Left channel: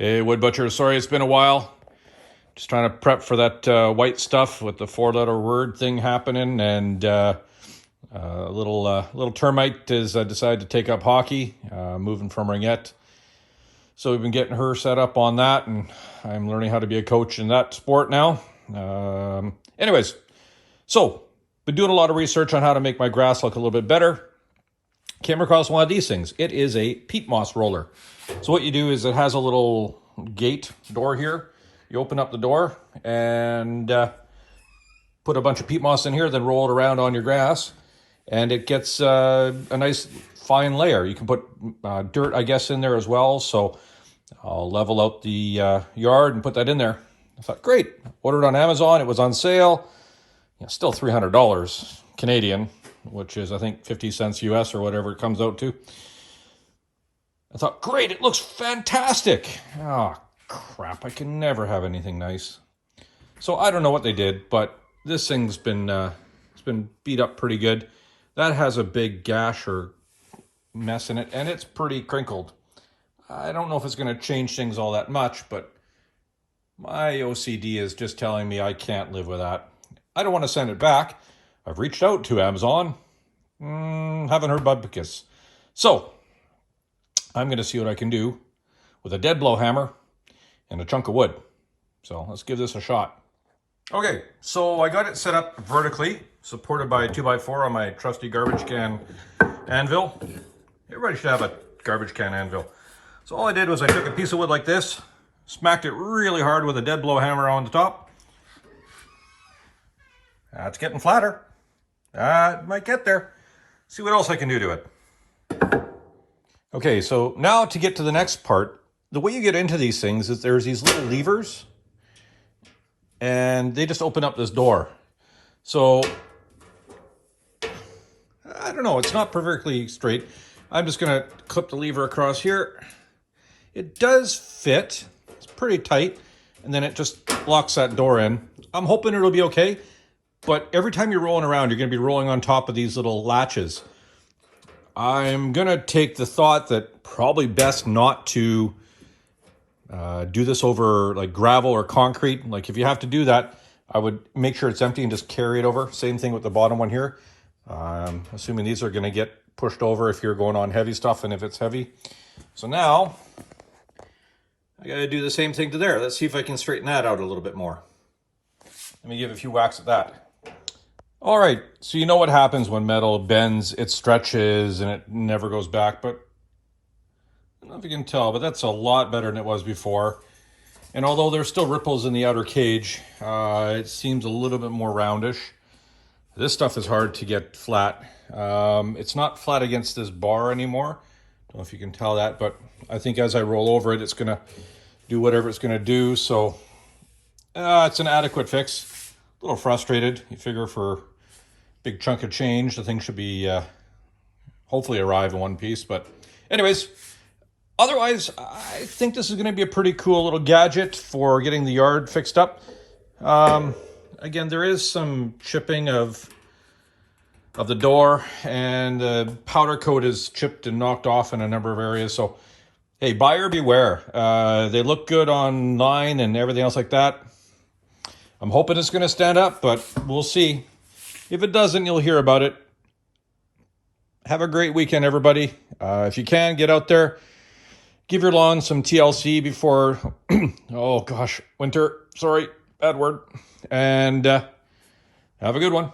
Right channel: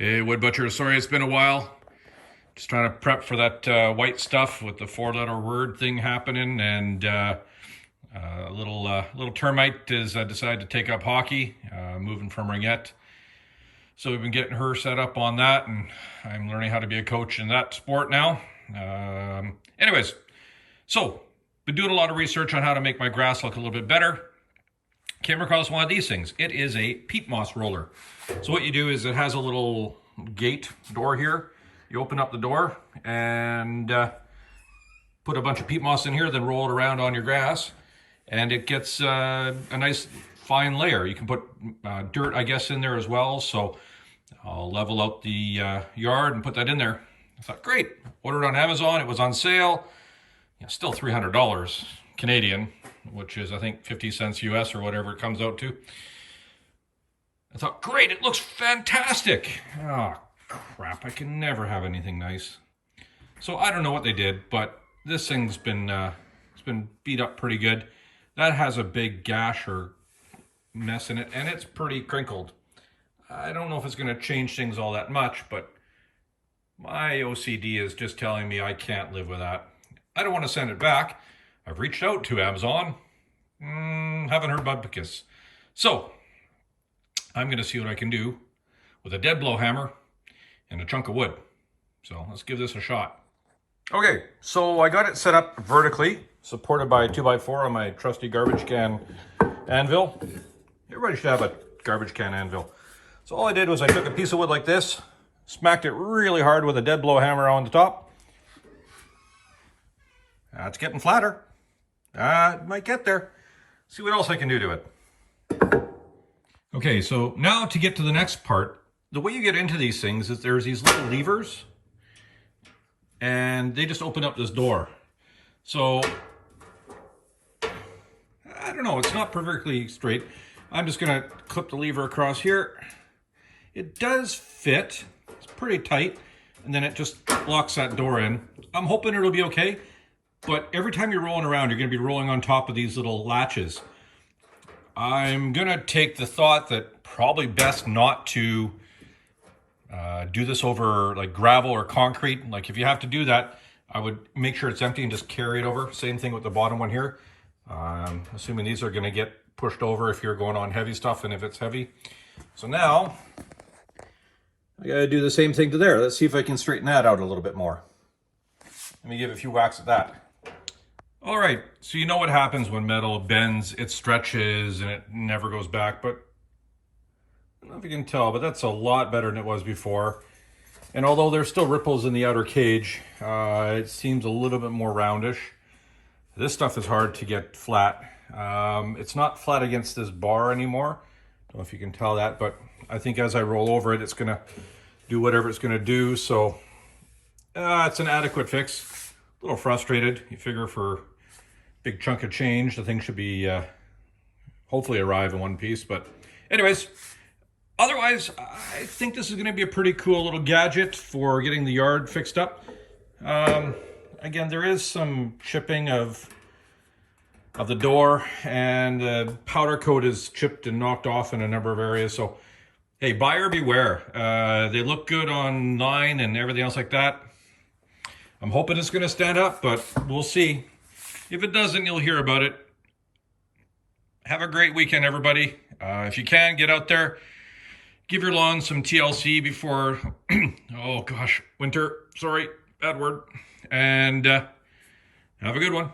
Hey, Wood Butcher. Sorry it's been a while. Just trying to prep for that white stuff with the four-letter word thing happening, and little termite has decided to take up hockey, moving from Ringette. So we've been getting her set up on that, and I'm learning how to be a coach in that sport now. Anyways, so been doing a lot of research on how to make my grass look a little bit better. Came across one of these things. It is a peat moss roller. So what you do is it has a little gate door here. You open up the door and put a bunch of peat moss in here, then roll it around on your grass, and it gets a nice fine layer. You can put dirt, I guess, in there as well. So I'll level out the yard and put that in there. I thought, great. Ordered on Amazon. It was on sale. Still $300 Canadian, which is, I think, 50 cents US or whatever it comes out to. I thought, great, it looks fantastic. Oh, crap, I can never have anything nice. So I don't know what they did, but this thing's been it's been beat up pretty good. That has a big gash or mess in it, and it's pretty crinkled. I don't know if it's going to change things all that much, but my OCD is just telling me I can't live with that. I don't want to send it back. I've reached out to Amazon. Haven't heard bupkis. So I'm going to see what I can do with a dead blow hammer and a chunk of wood. So let's give this a shot. Okay, so I got it set up vertically, supported by a 2x4 on my trusty garbage can anvil. Everybody should have a garbage can anvil. So all I did was I took a piece of wood like this, smacked it really hard with a dead blow hammer on the top. It's getting flatter. It might get there. See what else I can do to it. Okay, so now to get to the next part, the way you get into these things is there's these little levers, and they just open up this door. So, I don't know, it's not perfectly straight. I'm just gonna clip the lever across here. It does fit, it's pretty tight, and then it just locks that door in. I'm hoping it'll be okay. But every time you're rolling around, you're going to be rolling on top of these little latches. I'm going to take the thought that probably best not to do this over like gravel or concrete. Like if you have to do that, I would make sure it's empty and just carry it over. Same thing with the bottom one here. Assuming these are going to get pushed over if you're going on heavy stuff and if it's heavy. So now I got to do the same thing to there. Let's see if I can straighten that out a little bit more. Let me give a few whacks at that. All right, so you know what happens when metal bends, it stretches and it never goes back, but I don't know if you can tell, but that's a lot better than it was before. And although there's still ripples in the outer cage, it seems a little bit more roundish. This stuff is hard to get flat. It's not flat against this bar anymore. Don't know if you can tell that, but I think as I roll over it, it's gonna do whatever it's gonna do, so it's an adequate fix. A little frustrated. You figure for a big chunk of change, the thing should be hopefully arrive in one piece. But anyways, otherwise, I think this is going to be a pretty cool little gadget for getting the yard fixed up. Again, there is some chipping of the door, and the powder coat is chipped and knocked off in a number of areas. So, hey, buyer beware. They look good online and everything else like that. I'm hoping it's going to stand up, but we'll see. If it doesn't, you'll hear about it. Have a great weekend, everybody. If you can, get out there. Give your lawn some TLC before, oh gosh, winter. Sorry, bad word. And have a good one.